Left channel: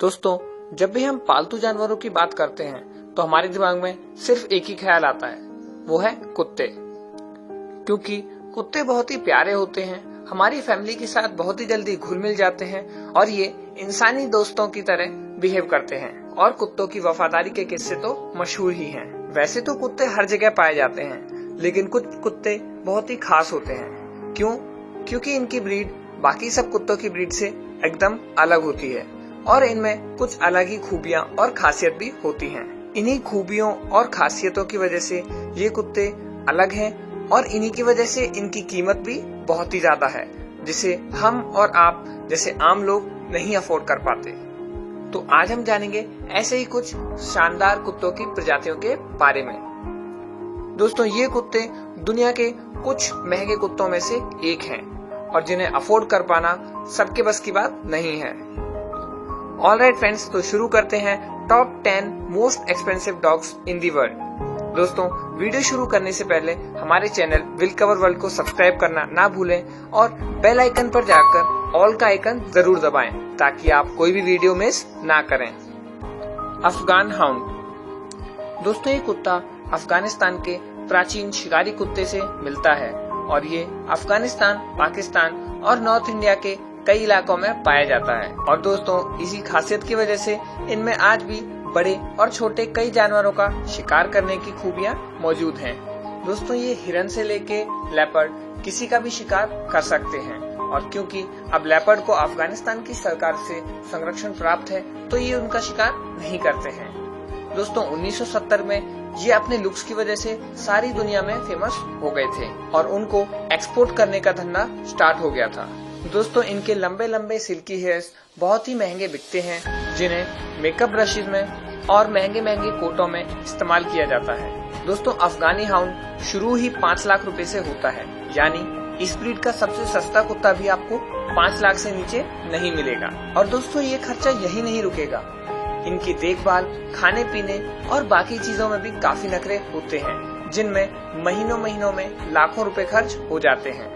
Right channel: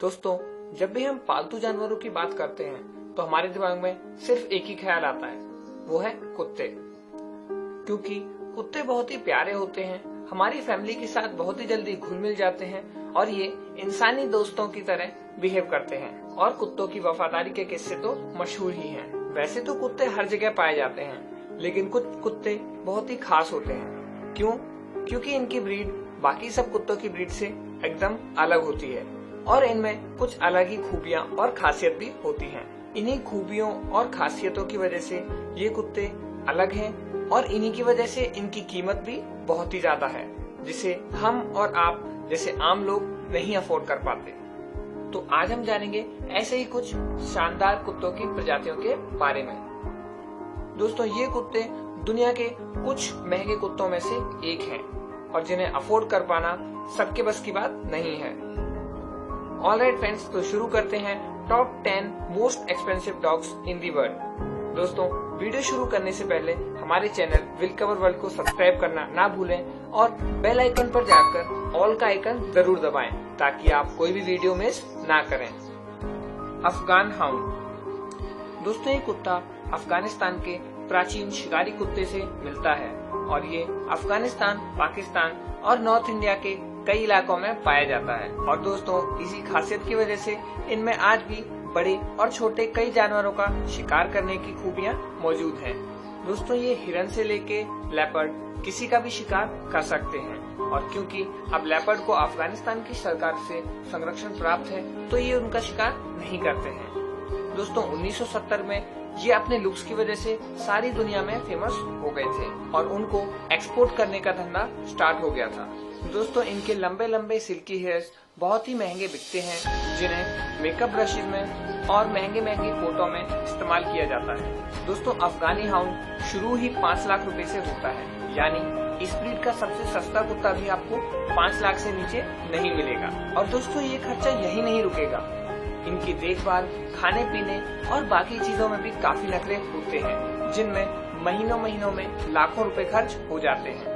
दोस्तों, जब भी हम पालतू जानवरों की बात करते हैं तो हमारे दिमाग में सिर्फ एक ही ख्याल आता है, वो है कुत्ते। क्योंकि कुत्ते बहुत ही प्यारे होते हैं, हमारी फैमिली के साथ बहुत ही जल्दी घुल मिल जाते हैं और ये इंसानी दोस्तों की तरह बिहेव करते हैं। और कुत्तों की वफादारी के किस्से तो मशहूर ही हैं। वैसे तो कुत्ते हर जगह पाए जाते हैं, लेकिन कुछ कुत्ते बहुत ही खास होते हैं। क्यों? क्योंकि इनकी ब्रीड बाकी सब कुत्तों की ब्रीड से एकदम अलग होती है और इनमें कुछ अलग ही खूबियां और खासियत भी होती हैं। इन्हीं खूबियों और खासियतों की वजह से ये कुत्ते अलग हैं और इन्हीं की वजह से इनकी कीमत भी बहुत ही ज्यादा है, जिसे हम और आप जैसे आम लोग नहीं अफोर्ड कर पाते। तो आज हम जानेंगे ऐसे ही कुछ शानदार कुत्तों की प्रजातियों के बारे में। दोस्तों, ये कुत्ते दुनिया के कुछ महंगे कुत्तों में से एक हैं और जिन्हें अफोर्ड कर पाना सबके बस की बात नहीं है। ऑलराइट फ्रेंड्स, तो शुरू करते हैं top 10 most expensive dogs in the world. दोस्तों, वीडियो शुरू करने से पहले हमारे चैनल विल कवर वर्ल्ड को सब्सक्राइब करना ना भूलें और बेल आइकन पर जाकर ऑल का आइकन जरूर दबाएं ताकि आप कोई भी वीडियो मिस ना करें। अफगान हाउंड। दोस्तों, ये कुत्ता अफगानिस्तान के प्राचीन शिकारी कुत्ते से मिलता है और ये अफगानिस्तान, पाकिस्तान और नॉर्थ इंडिया के कई इलाकों में पाया जाता है। और दोस्तों, इसी खासियत की वजह से इनमें आज भी बड़े और छोटे कई जानवरों का शिकार करने की खूबियां मौजूद हैं। दोस्तों, ये हिरन से लेके लेपर्ड किसी का भी शिकार कर सकते हैं और क्योंकि अब लेपर्ड को अफगानिस्तान की सरकार से संरक्षण प्राप्त है तो ये उनका शिकार नहीं करते हैं। दोस्तों, 1970 में ये अपने लुक्स की वजह से सारी दुनिया में फेमस हो गए थे और उनको एक्सपोर्ट करने का धंधा स्टार्ट हो गया था। दोस्तों, इनके लंबे लंबे सिल्की हेयर्स बहुत ही महंगे बिकते हैं, जिन्हें मेकअप ब्रशेज में और महंगे महंगे कोटों में इस्तेमाल किया जाता है। दोस्तों, अफगानी हाउंड शुरू ही 5 लाख रुपए से होता है, यानी इस ब्रीड का सबसे सस्ता कुत्ता भी आपको 5 लाख से नीचे नहीं मिलेगा। और दोस्तों, ये खर्चा यही नहीं रुकेगा, इनकी देखभाल, खाने पीने और बाकी चीजों में भी काफी नखरे होते हैं, जिनमें महीनों महीनों में लाखों रुपए खर्च हो जाते हैं।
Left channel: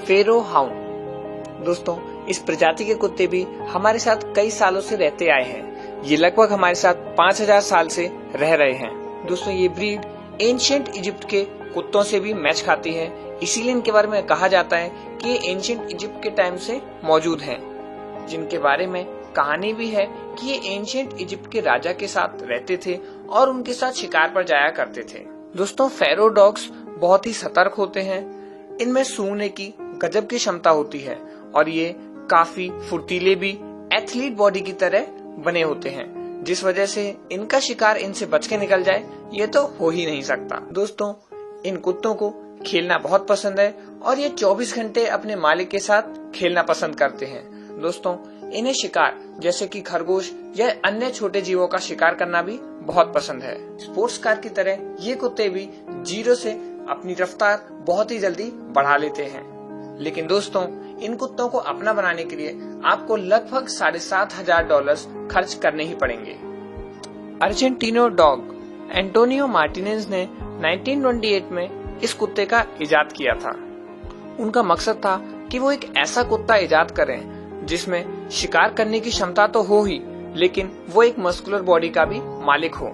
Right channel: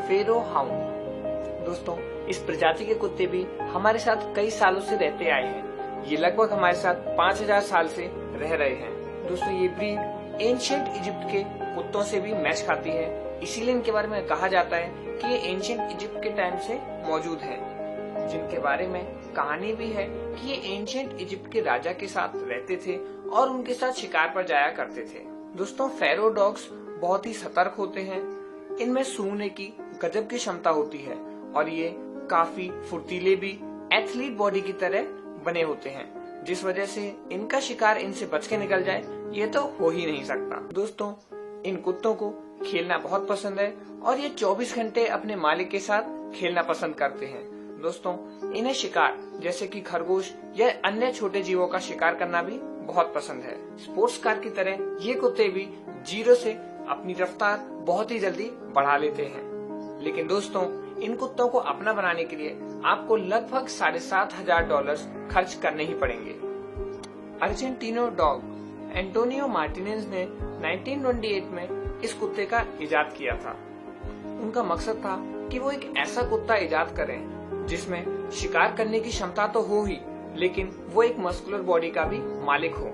फेरो हाउंड। दोस्तों, इस प्रजाति के कुत्ते भी हमारे साथ कई सालों से रहते आए हैं। ये लगभग हमारे साथ 5000 साल से रह रहे हैं। दोस्तों, ये ब्रीड एंशिएंट इजिप्ट के कुत्तों से भी मैच खाती है, इसीलिए इनके बारे में कहा जाता है कि ये एंशिएंट इजिप्ट के टाइम से मौजूद हैं, जिनके बारे में कहानी भी है कि ये एंशिएंट इजिप्ट के राजा के साथ रहते थे और उनके साथ शिकार पर जाया करते थे। दोस्तों, फेरो डॉग्स बहुत ही सतर्क होते हैं, इनमें सूंघने की गजब की क्षमता होती है और ये काफी फुर्तीले भी एथलीट बॉडी की तरह बने होते हैं, जिस वजह से इनका शिकार इनसे बच के निकल जाए ये तो हो ही नहीं सकता। दोस्तों, इन कुत्तों को खेलना बहुत पसंद है और ये 24 घंटे अपने मालिक के साथ खेलना पसंद करते हैं। दोस्तों, इन्हें शिकार जैसे कि खरगोश या अन्य छोटे जीवों का शिकार करना भी बहुत पसंद है। स्पोर्ट्स कार की तरह ये कुत्ते भी 0 से अपनी रफ्तार बहुत ही जल्दी बढ़ा लेते हैं। लेकिन दोस्तों, इन कुत्तों को अपना बनाने के लिए आपको लगभग $7,500 खर्च करने ही पड़ेंगे। Argentino dog. एंटोनियो मार्टिनेज ने 1928 में इस कुत्ते का इजाद किया था। उनका मकसद था कि वो एक ऐसा कुत्ता इजाद करें जिसमें शिकार करने की क्षमता तो हो ही, लेकिन वो एक मस्कुलर बॉडी का भी मालिक हो।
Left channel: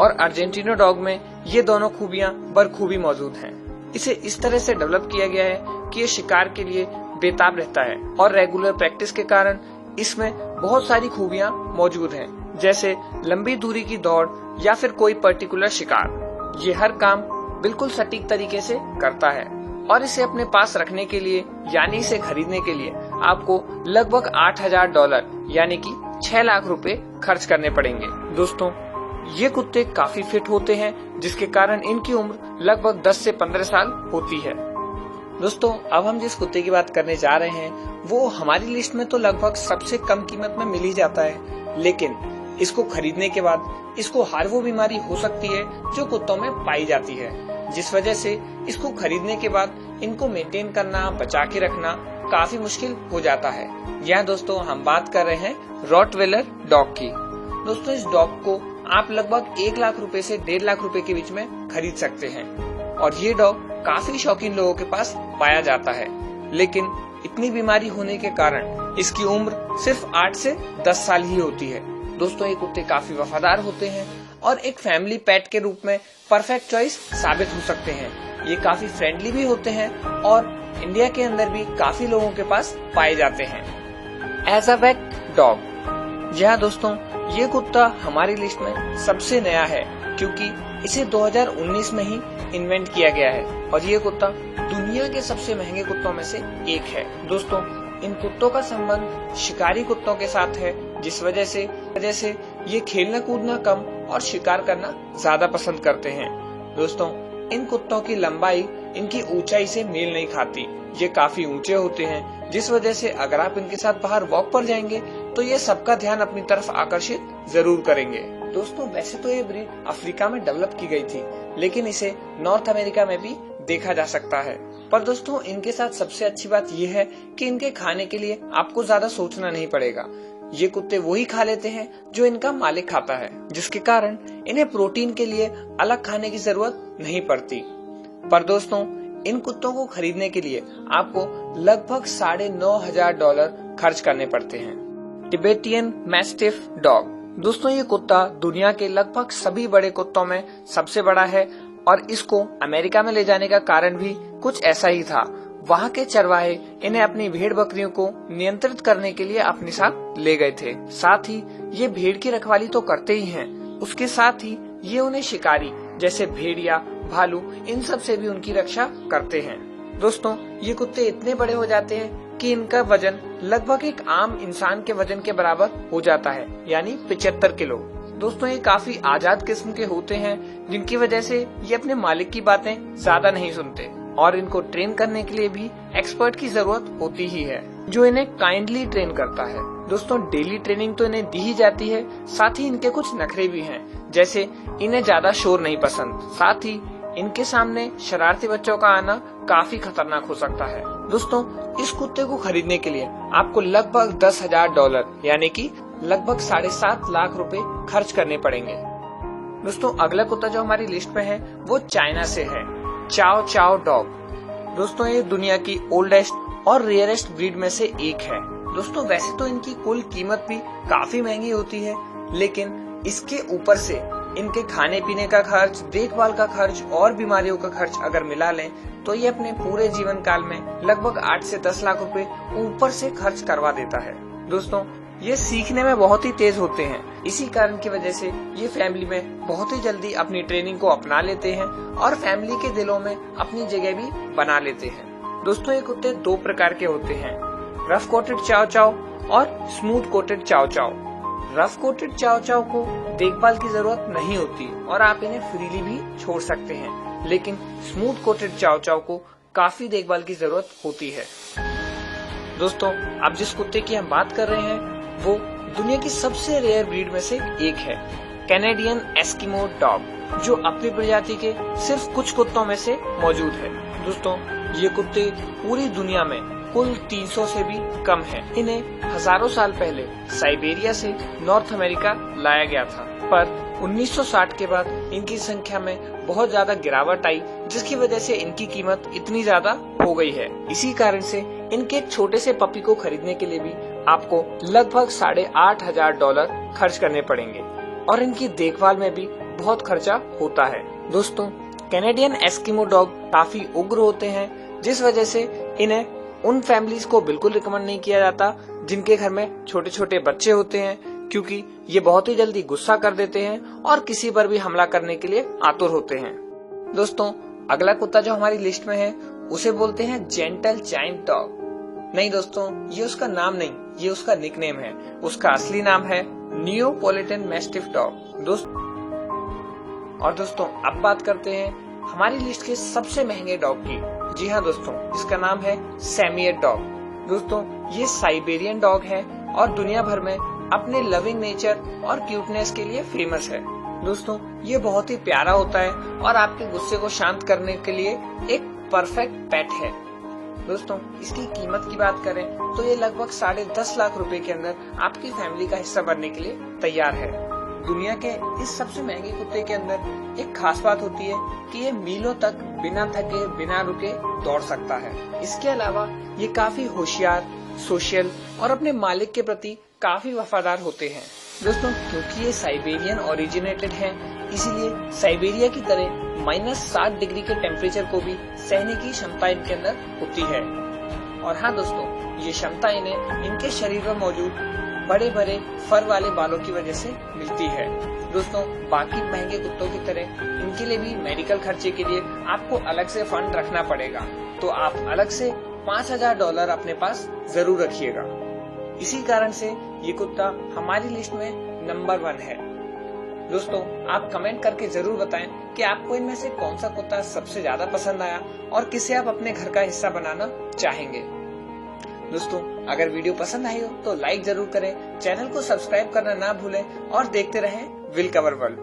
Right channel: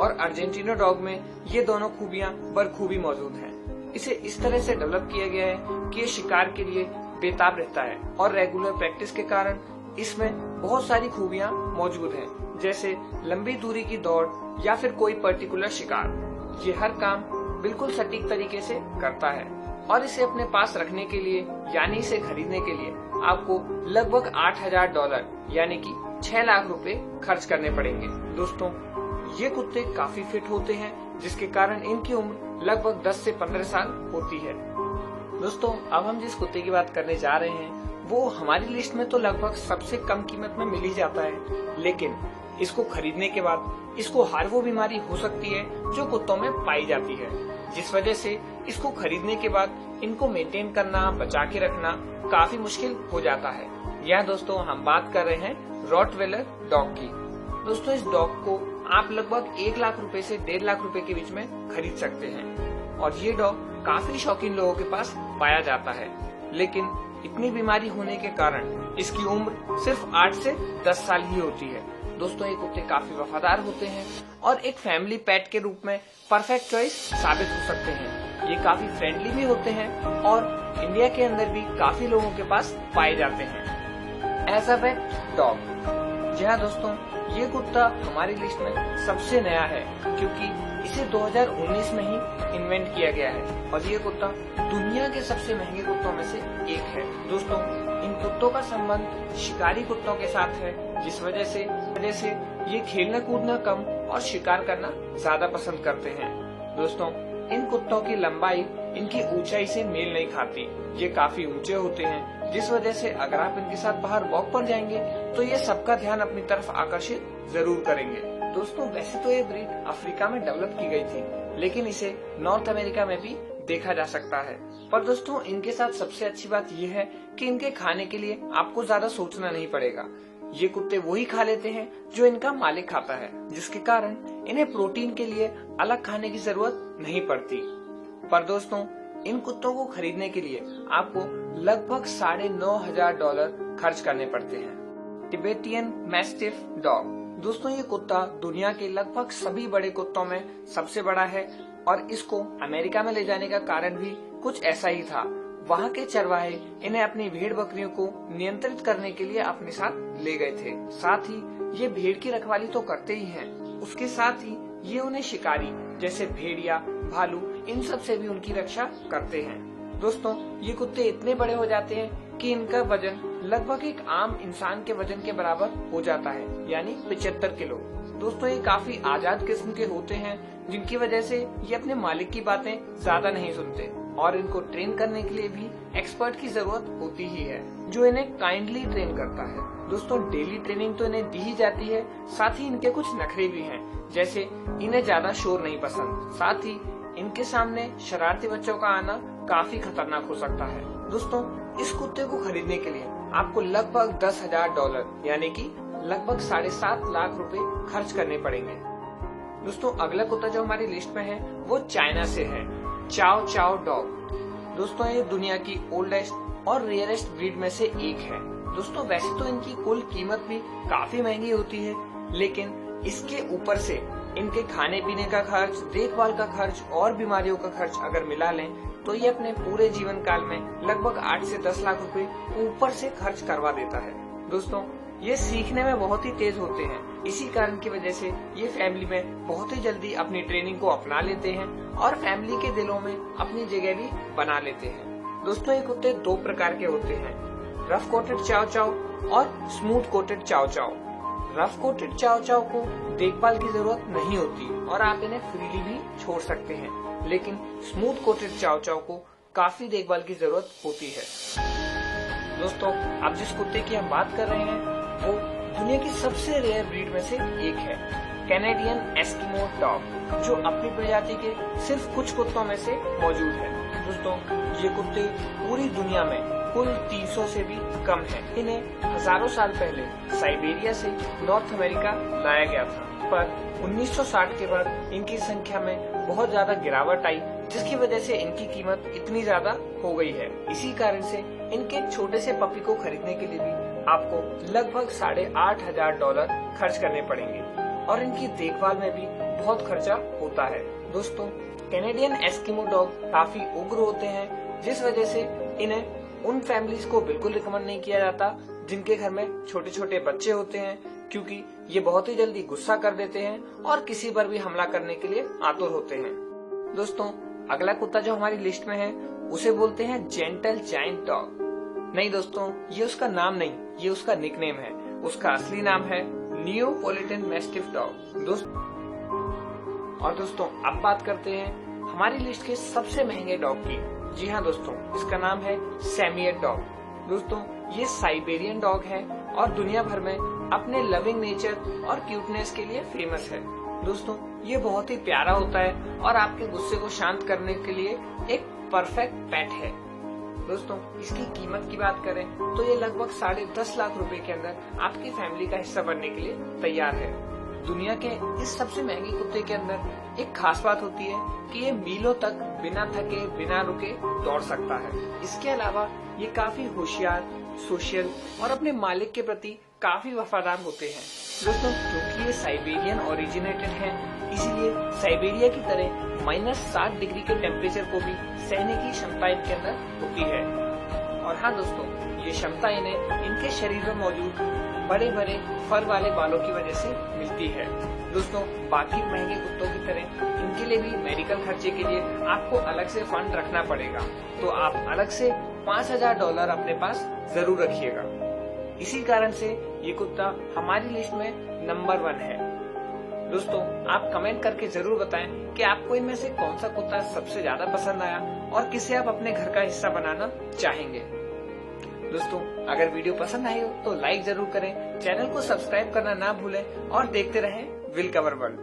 और अर्जेंटीनो डॉग में ये दोनों खूबियां बखूबी मौजूद हैं। इसे इस तरह से डेवलप किया गया है कि ये शिकार के लिए बेताब रहता है और रेगुलर प्रैक्टिस के कारण इसमें बहुत सारी खूबियां मौजूद हैं, जैसे लंबी दूरी की दौड़ या फिर कोई पर्टिकुलर शिकार। ये हर काम बिल्कुल सटीक तरीके से करता है और इसे अपने पास रखने के लिए यानी इसे खरीदने के लिए आपको लगभग $8,000 यानी कि 6 लाख रुपए खर्च करने पड़ेंगे। दोस्तों, ये कुत्ते काफी फिट होते हैं, जिसके कारण इनकी उम्र लगभग 10 से 15 साल होती है। दोस्तों, अब हम जिस कुत्ते की बात करने जा रहे हैं वो हमारी लिस्ट में तो लगभग सबसे कम कीमत में मिल ही जाता है, लेकिन इसको खरीदने के बाद इसको हर वो बीमारी हो सकती है जो कुत्तों में पाई जाती है, जिस वजह से इसको खरीदने के बाद इनको मेंटेन करना, बचा के रखना काफी मुश्किल हो जाता है। यहाँ दोस्तों, हम बात कर रहे हैं रॉटवेलर डॉग की। दोस्तों, इस डॉग को आप लगभग 1 लाख रुपए से 1.5 लाख रुपए के बीच में खरीद सकते हैं और ये डॉग काफी शौकीन लोगों के पास पाया जाता है, लेकिन इतनी बीमारी होने के कारण इसकी उम्र सिर्फ 8 से 10 साल ही होती है। दोस्तों ये कुत्ते काफी वफादार होते हैं और एक फैमिली पेट के रूप में परफेक्ट चॉइस साबित हो सकते हैं। ये काफी फ्रेंडली भी होते हैं और इंडिया के अंदर भी काफी लोगों के पास पाए जाते हैं। एज अ पेट डॉग, जी हाँ दोस्तों, ये कुत्ता हमारी लिस्ट में सबसे नया है क्योंकि इसे 2019 में ही इन्वेंट किया गया है और ये कुत्ता दुनिया के सबसे महंगे कुत्तों में से एक है। दोस्तों इन कुत्तों का संबंध शिकारी कुत्तों के साथ है, जिस वजह से ये खेलना कूदना कम और शिकार करना ज्यादा पसंद करते हैं। दोस्तों इन कुत्तों की लंबाई इनकी ऊंचाई से मेल नहीं खाती। ये काफी ऊंचे होते हैं, जिस वजह से अगर आप इनके साथ बाहर वॉक पर जाएंगे तो ये सबका ध्यान अपनी तरफ आकर्षित जरूर करेंगे। दोस्तों वैसे तो ये ब्रीड अफ्रीका में डेवलप की गई थी, लेकिन इसे नॉर्थ अमेरिका में भी देखा जा सकता है। पर दोस्तों इनके साथ सबसे अच्छी बात यह है कि इनके खाने के लिए आपको ज्यादा सोचना नहीं पड़ेगा। ये कुत्ते वही खा लेते हैं जो इनका मालिक खाता है, जिसके कारण इन्हें प्रोटीन के लिए अलग खाने की जरूरत नहीं पड़ती। पर दोस्तों इन कुत्तों को खरीदने के लिए आपको लगभग $9,500 खर्च करने पड़ते हैं। टिबेटियन मैस्टिफ डॉग, दोस्तों ये कुत्ता दुनिया के लगभग सभी बड़े कुत्तों में सबसे बड़ा है और इसको अमेरिका में ले जाने का कारण भी कुछ ऐसा ही था। वहाँ के चरवाहे इन्हें अपनी भेड़ बकरियों को नियंत्रित करने के लिए अपने साथ ले गए थे। साथ ही ये भेड़ की रखवाली तो करते ही हैं, उसके साथ ही ये उन्हें शिकारी जैसे भेड़िया, भालू, इन सब से भी उनकी रक्षा करते हैं। दोस्तों ये कुत्ते इतने बड़े हो जाते हैं कि इनका वजन लगभग एक आम इंसान के वजन के बराबर हो जाता है, यानी 75 किलो। दोस्तों ये काफी आजाद किस्म के होते हैं, जिनकी वजह से ये अपने मालिक की बातें ज्यादा नहीं सुनते और इनको ट्रेन करने के लिए भी एक्सपर्ट की जरूरत होती ही है, जो इन्हें काइंडली ट्रेन करता है। दोस्तों डेली ट्रेनिंग तो इन्हें दी ही जाती है, साथ ही इनके कुछ नखरे भी हैं, जैसे इन्हें ज्यादा शोर नहीं पसंद। साथ ही इनके सामने शरारती बच्चों का आना काफी खतरनाक हो सकता है। दोस्तों इस कुत्ते को खरीदने के लिए आपको लगभग $10,000 यानी कि लगभग 7.5 लाख रुपए खर्च करने पड़ेंगे। दोस्तों अगला कुत्ता जो हमारी लिस्ट में है वो चाइना से है, चाओ चाओ डॉग। दोस्तों ये दुनिया की ओल्डेस्ट और रेयरेस्ट ब्रीड में से एक है। दोस्तों वैसे तो इनकी कुल कीमत भी काफी महंगी होती है, लेकिन इसके ऊपर से इनके खाने पीने का खर्च, देखभाल का खर्च और बीमारियों का खर्च अगर मिला लें तो ये अपने पूरे जीवन काल में लगभग 8 से 10 लाख रुपए ऊपर से खर्च करवा देता है। दोस्तों ये सीखने में बहुत ही तेज होते हैं, इसी कारण की वजह से ये फैमिली में बहुत ही जल्दी अपनी ट्रेनिंग को अपना लेते हैं और फैमिली के दिलों में अपनी जगह भी बना लेते हैं। दोस्तों ये कुत्ते 2 प्रकार के होते हैं, रफ कोटेड चाओ चाओ और स्मूथ कोटेड चाओ चाओ। रफ कोटेड चाओ चाओ को देखभाल की जरूरत नहीं होती और आप इन्हें फ्रीली भी छोड़ सकते हैं, लेकिन स्मूथ कोटेड चाओ चाओ को काफी देखभाल की जरूरत होती है। दोस्तों अब जिस कुत्ते की हम बात कर रहे हैं वो दुनिया की सबसे रेयर ब्रीड में से एक है, कैनेडियन एस्किमो डॉग, जो अपनी प्रजाति के सिर्फ कुछ कुत्तों में से मौजूद है। दोस्तों ये कुत्ते पूरी दुनिया में कुल 300 से भी कम हैं। इन्हें हजारों साल पहले साइबेरिया से नॉर्थ अमेरिका लाया गया था, पर 1960 के बाद इनकी संख्या में बहुत ज्यादा गिरावट आई, जिसकी वजह से इनकी कीमत इतनी ज्यादा हो गई है। इसी कारण से इनके एक छोटे से पपी को खरीदने के लिए भी आपको लगभग $8,500 खर्च करने पड़ेंगे और इनकी देखभाल में भी बहुत खर्चा होता है। दोस्तों कैनेडियन एस्किमो डॉग काफी उग्र होते हैं, जिस वजह से इन्हें उन फैमिलीज को बिल्कुल रिकमेंड नहीं किया जाता जिनके घर में छोटे छोटे बच्चे होते हैं, क्योंकि ये बहुत ही जल्दी गुस्सा कर देते हैं और किसी पर भी हमला करने के लिए आतुर होते हैं। दोस्तों अगला कुत्ता जो हमारी लिस्ट में है उसे बोलते हैं जेंटल जायंट डॉग। नहीं दोस्तों ये उसका नाम नहीं, ये उसका निकनेम है। उसका असली नाम है नियोपोलिटन मैस्टिफ डॉग। दोस्तों अब बात करते हैं हमारी लिस्ट के सबसे महंगे डॉग की। जी हाँ दोस्तों, इसका नाम है सैमियट डॉग। दोस्तों ये साइबेरियन डॉग है और दुनिया भर में अपने लविंग नेचर और क्यूटनेस के लिए फेमस है। दोस्तों ये बहुत ही प्यारा होता है और आपके गुस्से को शांत करने के लिए एक परफेक्ट पेट है। दोस्तों इसकी कीमत की बात करें तो ये लगभग 10.5 लाख रुपए के अंदर आपकी फैमिली का हिस्सा बनने के लिए तैयार है। दुनिया के इस सबसे महंगे कुत्ते के अंदर एक खास बात होती है कि ये मीलों तक बिना थके बिना रुके दौड़ सकता है। इसके अलावा ये काफी होशियार, सोशल और अपने मालिक के प्रति काफी वफादार होते हैं। दोस्तों, क्योंकि ये साइबेरियन ओरिजिनेटेड हैं, इसीलिए साइबेरिया की तरह -60 डिग्री के टेम्परेचर को भी सहने की क्षमता इनके अंदर होती है। और हाँ दोस्तों, ये क्षमता इन्हें इनके शरीर में मौजूद बड़े बड़े फर वाले बालों की वजह से मिलती है। दोस्तों, बाकी महंगे कुत्तों की तरह इनके लिए भी मेडिकल खर्चे के लिए आपको अलग से फंड रखना पड़ेगा, तो आप अलग से $5000 अपने पास जरूर रखिएगा। इसी कारण से ये कुत्ता हमारी लिस्ट में नंबर 1 है। दोस्तों, आप कमेंट करके जरूर बताएं कि आपको इनमें से कौन सा कुत्ता सबसे ज्यादा पसंद आया और किसे आप अपने घर का हिस्सा बनाना चाहेंगे। दोस्तों, अगर वीडियो पसंद आई हो तो लाइक जरूर करें, चैनल को सब्सक्राइब करना ना भूलें और देखते रहें विल कवर वर्ल्ड।